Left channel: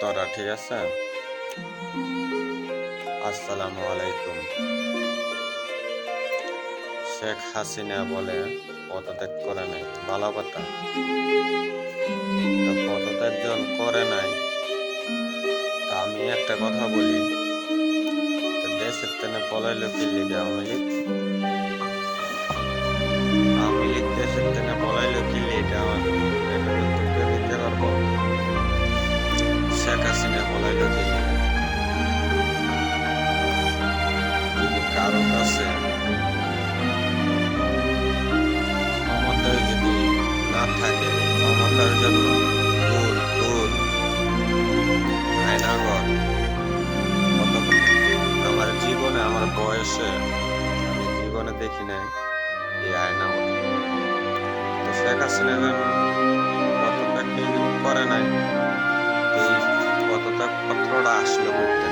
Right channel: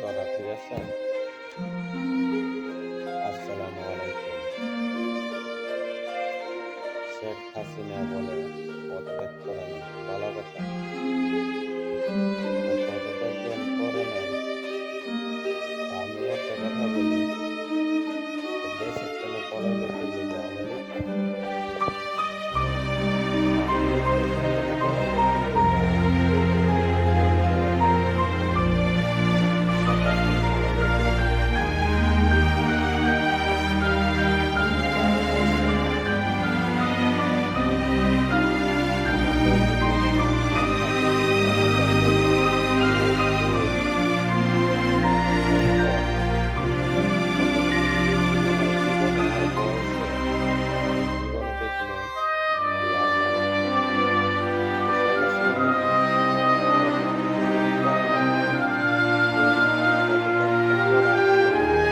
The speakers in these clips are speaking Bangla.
তোরা ঠিক আছে। আসসালামু আলাইকুম। শেখ হাসিনা বলে পদত্যাগ করে নাই, ভালো কথা। তো পদত্যাগ যখন করে নাই, তা আমি একটা কথা বলি, তো দেশের তেনে পলাইলো কি লিগে আওয়ামী লীগ? আওয়ামী লীগ দেশের তেনে পলাইলো কি লিগে? এটা কিন্তু কেউ দিতে পারবো? শেখ হাসিনা পলাইলো কি লিগে? যদি কারণ আছে, ক্ষমতায় যদি না থাকে, ক্ষমতার জন্য দূর দূর আয়নাগর কত, আমার জীবনে, আমার বয়সে আমি জীবনে দেখি নাই এই আয়নাগর। তো শেখ হাসিনা যেন পদত্যাগ করে নাই, এই পদত্যাগ পত্রটা আসলো করতে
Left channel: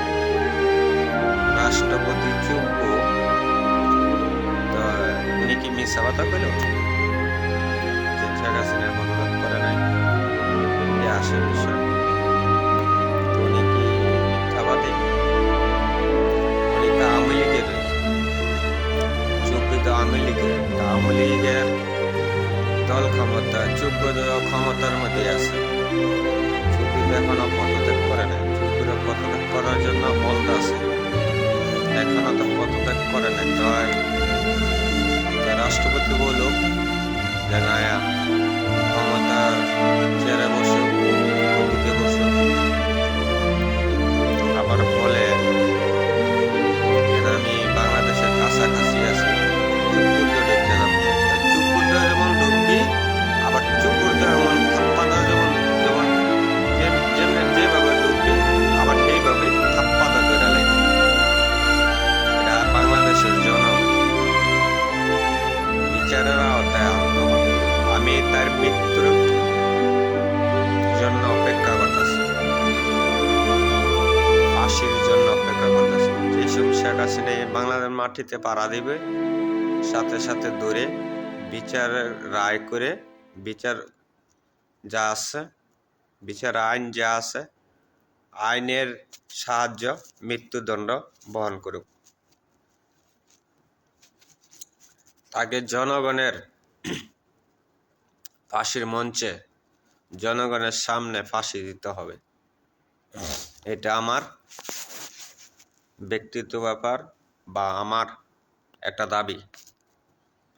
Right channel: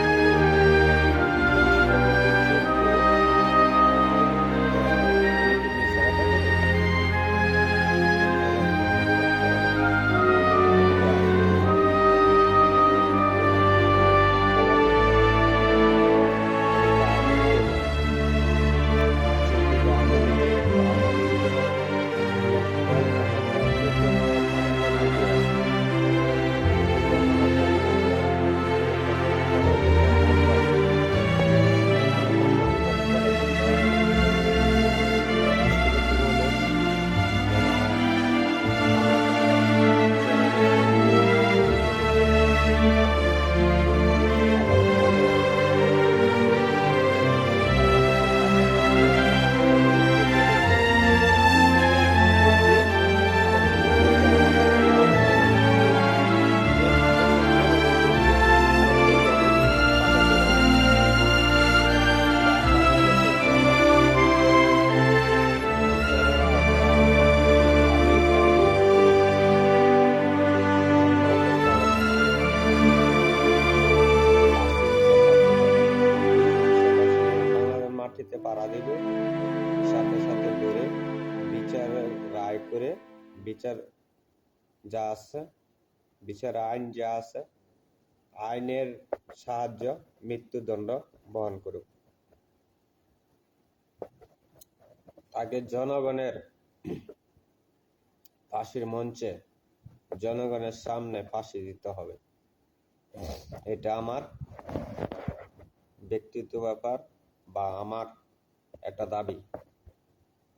রাষ্ট্রপতি যোগ্য, তো উনি কি মিথ্যা কথা বলে যে শেখ হাসিনা পদত্যাগ করে নাই? এ আসল বিষয়। উনি কি মিথ্যাবাদী? উনি তো আওয়ামী লীগের যোগ্য, তো আওয়ামী লীগের দল ক্ষমতা, যোগ্য ক্ষমতার মধ্যে আছে। যোগ্য এখনো পদত্যাগ করে নাই, যোগ্য পদত্যাগ করার জন্য বলতে আছে, এখনো তো পদত্যাগ করে নাই। তো রাষ্ট্রপতি বলুক যে না, ক্ষমতা ছেড়ে বসুক, দিতে বসুক। আবার বলে আমি বাংলাদেশের কাছাকাছি আছি, চুপ করতে ঢুকতে যাবো। চুপ করতে যেমন ঢুকবি, আবার চুপ করতে যেমন থাপ্পাতে যেমন যেমন যেভাবে ঢুকবি, আবার সেইভাবে থাপ্পাতে ধরে লাগবে। এটা বাংলাদেশের জনগণ বিচারের আওতায় আনত হবে। আমি তার মৃত্যুর জন্য অপেক্ষা করতেছি, ফাঁসির জন্য অপেক্ষা করতেছি। যেসব শেখ হাসিনা এই বাংলাদেশ মাটিতে পাড়া দিবে, সাথে সাথে ধরে বিচারের রায় করে, বিচার যা আছে, বিচার আইন যা আছে, আইনের সাহায্য মৃত্যুদণ্ড বহন করুক। তাকে জনগণের ফাঁসির মঞ্চে, জনগণের সামনে ফাঁসি দিতে হবে। এটা আমার ব্যক্তিগত ব্যাপার বা আমার একটা দাবি।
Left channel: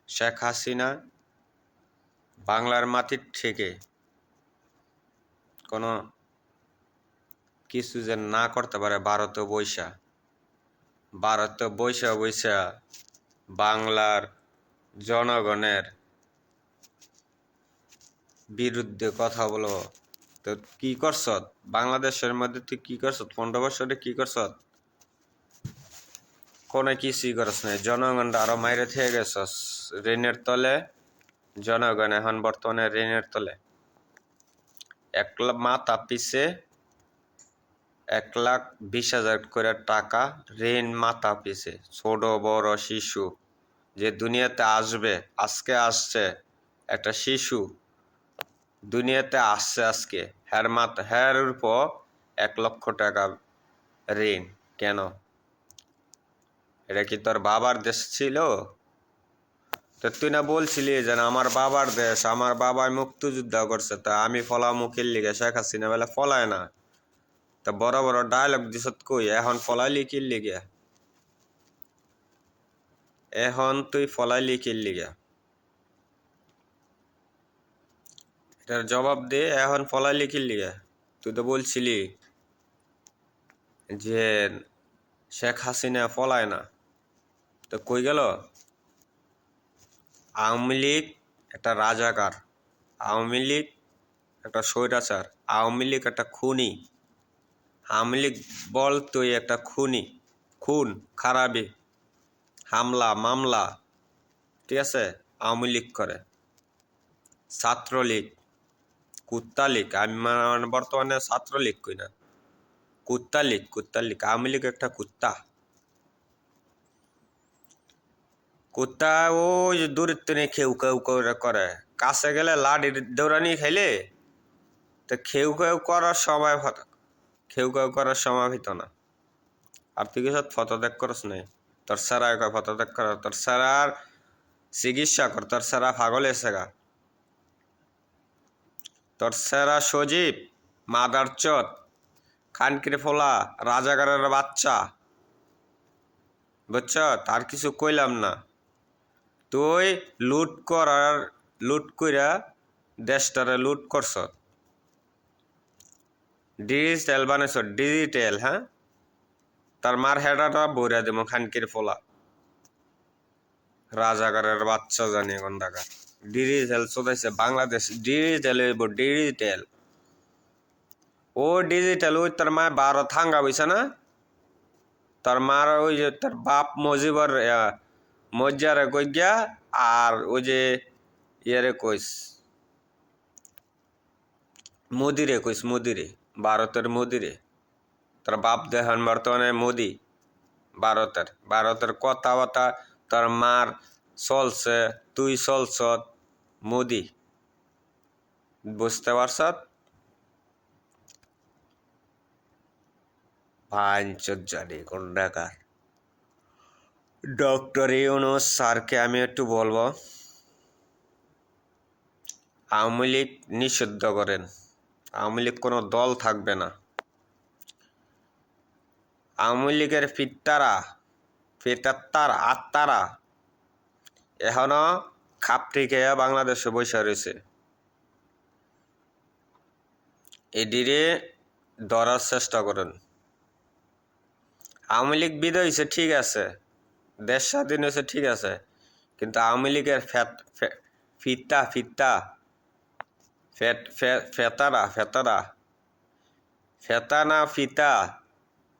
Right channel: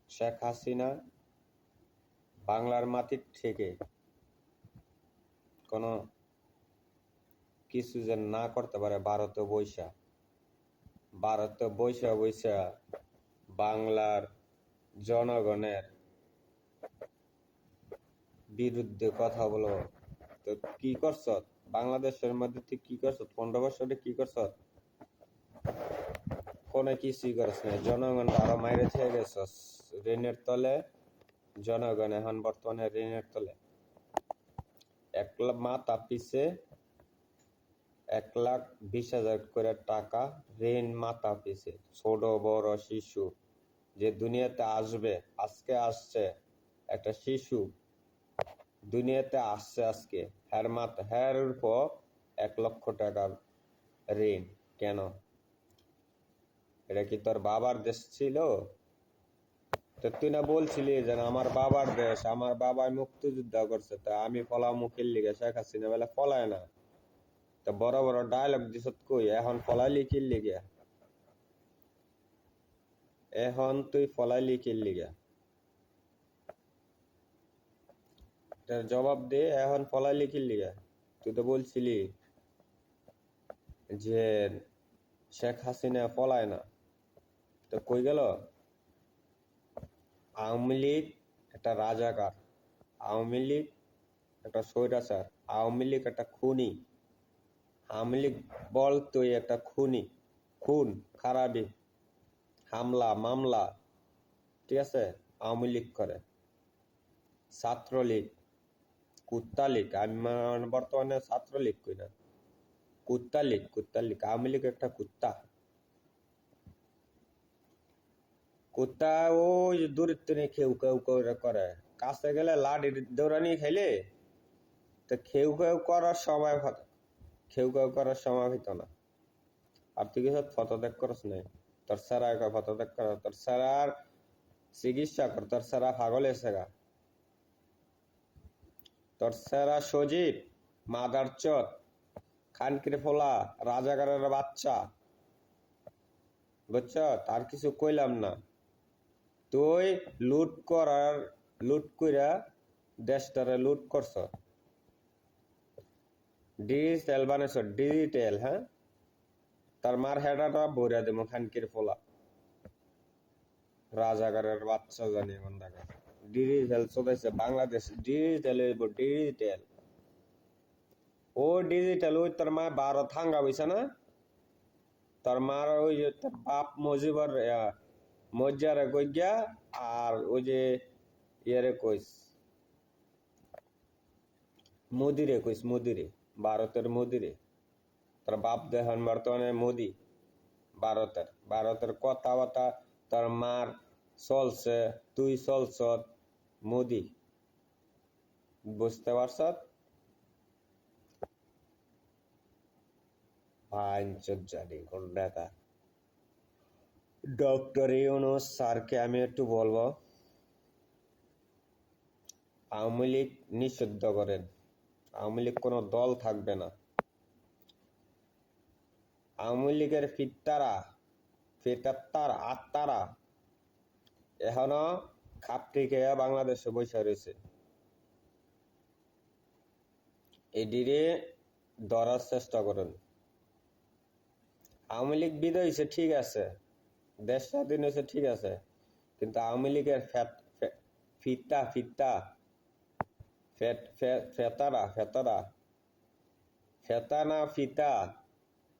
শেখ হাসিনা বাংলার মাটির থেকে কোনো কিছু যে না করতে পারে, ভারতে বৈশা বাংলার জনগণের বিরুদ্ধে কথা বলো। তো কি করছ বাংলাদেশের মধ্যে? তুই কি করছ 15 বছরে? কি করছ? কোনো কিছুই করছ না। জনগণটা আরো মাইরে থেকে গেছস ঋণের তলে। জনগণ এখন বর্তমানে ঋণের তলে। মাথা পিছে 1,20,000 করে টাকা ঋণ, মাথা পিছে। ছোট বড় শিশু যে দুনিয়াতে আসবে, আজকে আসছে একটা শিশু দুনিয়াতে আসছে আজকে, হ্যার উপর 1,00,000 টাকা ঋণ। কেন? এটা কি তোর বাবার দেশ ছিল? তো তুই না বলছিলি যে আমার বাবার দেশ, আমার বাবাই মুক্তিযুদ্ধ করছে, তা আমি ফলামুখীর লিগে? শেখ হাসিনা বেলা ফলায় না, তা বড় বড় ডায়লগ দিস কই? এখন ফলাইলি কি লিগে? এখন তুই ফলাইলি কি লিগে? এটার জবাব দে। এখন ফলাইলি কি লিগে? তুই তো বলছিলি যে শেখ হাসিনা ফলায় না, তো কই গেল? আওয়ামী লীগ একটা রাজাকার, আওয়ামী লীগ একটা স্বৈরাচার, আওয়ামী লীগ একটা খুনি। আওয়ামী লীগ বল তুই একটা খুনি, খুন খারাপি, হামলা মামলা, ঠিক আছে, আওয়ামী লীগ করে। ছাত্রলীগ, কুত্তা লীগ। আমি বর্তমানে ছাত্রলীগ কই না, কুত্তা লীগ। আওয়ামী লীগ একটা কুত্তা। কুত্তা ওই দূরের থেকে খেউ কেউ করে, কাছে গেলে লাঠির দৌড়ানি খাইলে তো খেউ খেউ করার সময় খেউ খেউ করার সময় হইতো না। আর তুই কিছু ফটো দেখ করস নাই, তোর সারা কয় ফটো দেখ কর, তোর সারার চিকিৎসা কর, তোর সারা পাগল এসে গা, তোর সারা সজীব মাদার চোদ খানকির ফোলা রাজাগারের বাচ্চা, বুঝছ? তার কিছু কইলাম না। তুই লুট কইরা দেশটারে লুট করছ, ডিজিটাল বানাইছ, ডিজিটাল। হ্যাঁ, তার মার হেডাটা বইরা দেবো খানকির ফোলা রাজাগারের বাচ্চা জানি এখন টাকা ডিজিটাল চোদাইছে বাংলাদেশ, ডিজিটাল হইব ডিজিটাল। ও ডিজিটাল ওই তোর মায় 12 থাঙ্গা বইছে না, তোর মার ওই যে তোর বাপ মজিবর মজ্জারে কই গিয়া, আর ওই যে ইয়ারে কইস মোদিরে কইস, মোদিরে, ভারতের মোদিরে। তোর বাপ দেখান বর্তমানে মোদি, ভারতের কথাবার্তা তোর মার চলছে, তুই চলছ মোদি, বুঝতে পারছ? জানি কোন ডাকার। ডক্টর ইউনূস স্যারকে আমি একটু বলবো, আওয়ামী লীগ নিষিদ্ধ করেন। আওয়ামী লীগ কোনো দল থাকবে না। আওয়ামী লীগের ফিতাত্তার আত্মারা এখনো খাপটি খেয়ে বাংলাদেশে বসে রয়েছে। এদিকে ধরার চেষ্টা করুন। আওয়ামী লীগ বিদায় হয়েছে ঠিক আছে, দেশ স্বাধীন হয়েছে ঠিক আছে, কিন্তু আওয়ামী লীগের ফিতা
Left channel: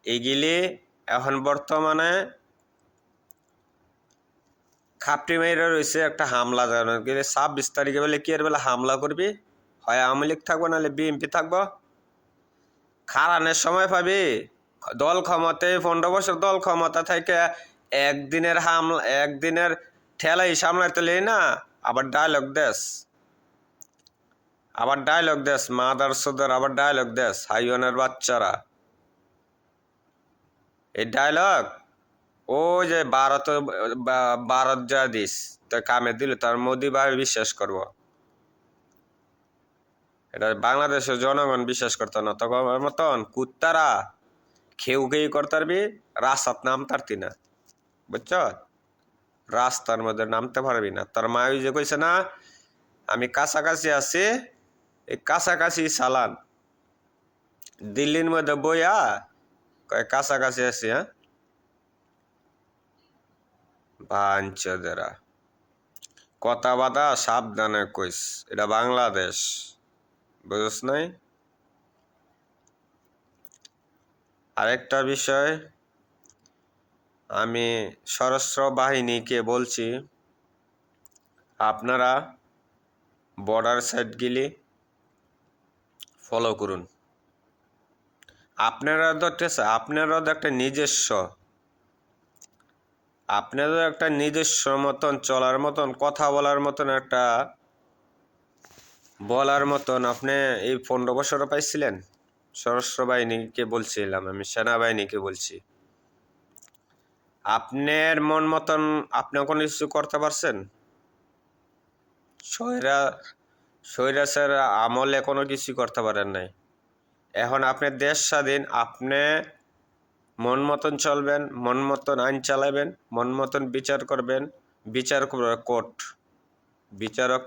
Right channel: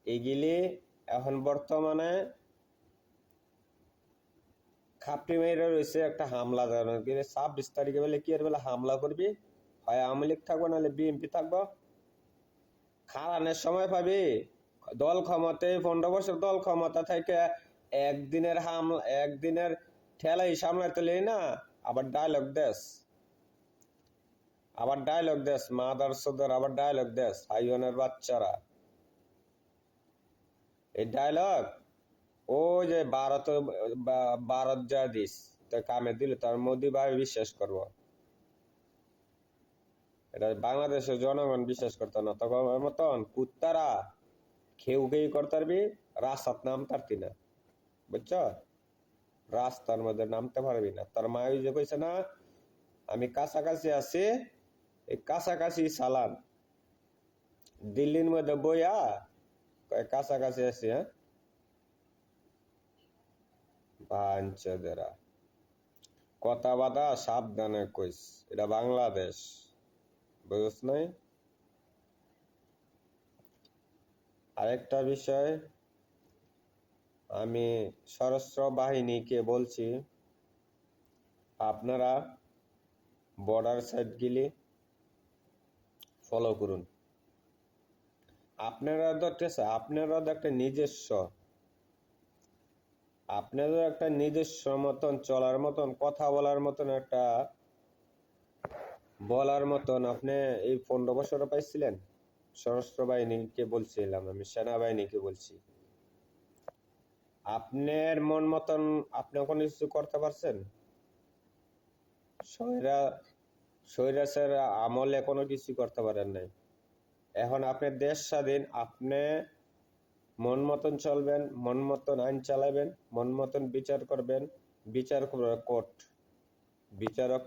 এগুলি এখন বর্তমানে খাপটি মেরে রয়েছে একটা হামলা জানানো। 26 তারিখে বলে কি এর বেলা হামলা করবি, হয় আওয়ামী লীগ থাকবো নাহলে বিএনপি থাকবো। খারানের সময় পাবি, দল ক্ষমতায় 15 বছর দল ক্ষমতা থেকে একদিনের ঠেলাই সামলাইতে লেই না, আবার ডায়লগ দেশ মাদার সদর, আবার ডায়লগ দেশ হাইওয়ানের বাচ্চারা। এই ডায়লগ ও যে ভারত যা দিস তো কামে দিল, তার মোদি ভাই বিশ্বাস করব, এটা বাংলাদেশের জনগণ বিশ্বাস করতো না। তখন মতন কুত্তারা খেউ করতে পারবি, রাস্তার নামতারতি না, বুঝছ? রাস্তার মধ্যে নামতে পারবি না। তার মা ওই যে কইছে না, আমি কাছাকাছি আছি, এই কাছাকাছি চালান। দিল্লির মধ্যে বইয়া কয় কাছাকাছি আছি। হ্যাঁ, বাঞ্চদেরা কথা বাদা সাবধানে কইস, এটা বাংলাদেশ, বুঝছ নাই? আরেকটা বিষয়, আমি সশস্ত্র বাহিনীকে বলছি, আপনারা বর্ডার সাইডগুলি ফলো করুন। আপনারা তো একটা নিজস্ব মতন চলার মতন, কথা বলার মতন, একটা বলার মতন আপনি এই 15 বছরও পাইছিলেন। সশস্ত্র বাহিনীকে বলছিলাম, আমি সেনাবাহিনীকে বলছি, আপনার মন মতন আপনি কোনো কিছু করতে পারছেন? স্বৈরাচার আমলে কোনো কিছু করতে পারেন নাই। এখন আপনি দেশ স্বাধীন, আপনি মন মতন চলবেন, মন মতন আইন চালাবেন, মন মতন বিচার করবেন। বিচার কোর্ট, বিচারক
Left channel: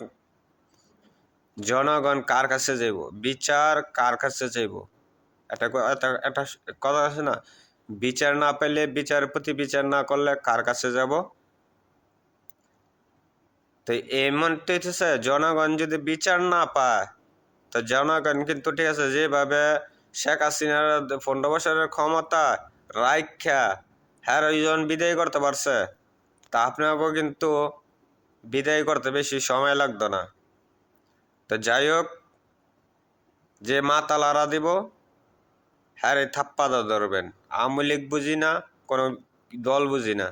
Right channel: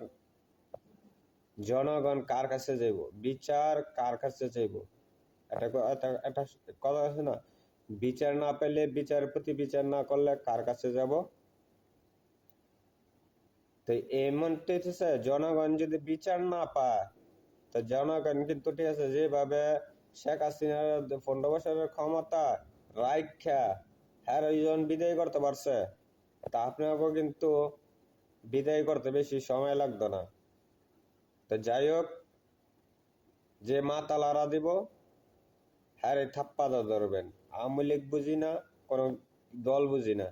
জনগণ কার কাছে যাইব, বিচার কার কাছে যাইব? একটা কথা আছে না, বিচার না পেলে বিচারপতি বিচার না করলে কার কাছে যাব? তো এমন তো হচ্ছে, জনগণ যদি বিচার না পায়, তো জনগণ কিন্তু ঠিক আছে যেভাবে শেখ হাসিনার 15 বছরের ক্ষমতা রাইখা হ্যাঁ ওইজন বিদায় করতে পারছে, তা আপনাকেও কিন্তু বিদায় করতে বেশি সময় লাগতো না। তো যাই হোক, যে মাথা লড়া দিব হ্যাঁ থাপ্পা ধরবেন। আওয়ামী লীগ বুঝি না, কোনো দল বুঝি না।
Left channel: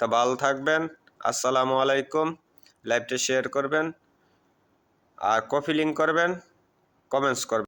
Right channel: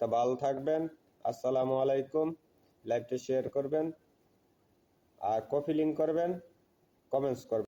তা ভালো থাকবেন, আসসালামু আলাইকুম। লাইভটা শেয়ার করবেন, আর কপি লিঙ্ক করবেন, কমেন্টস করবেন।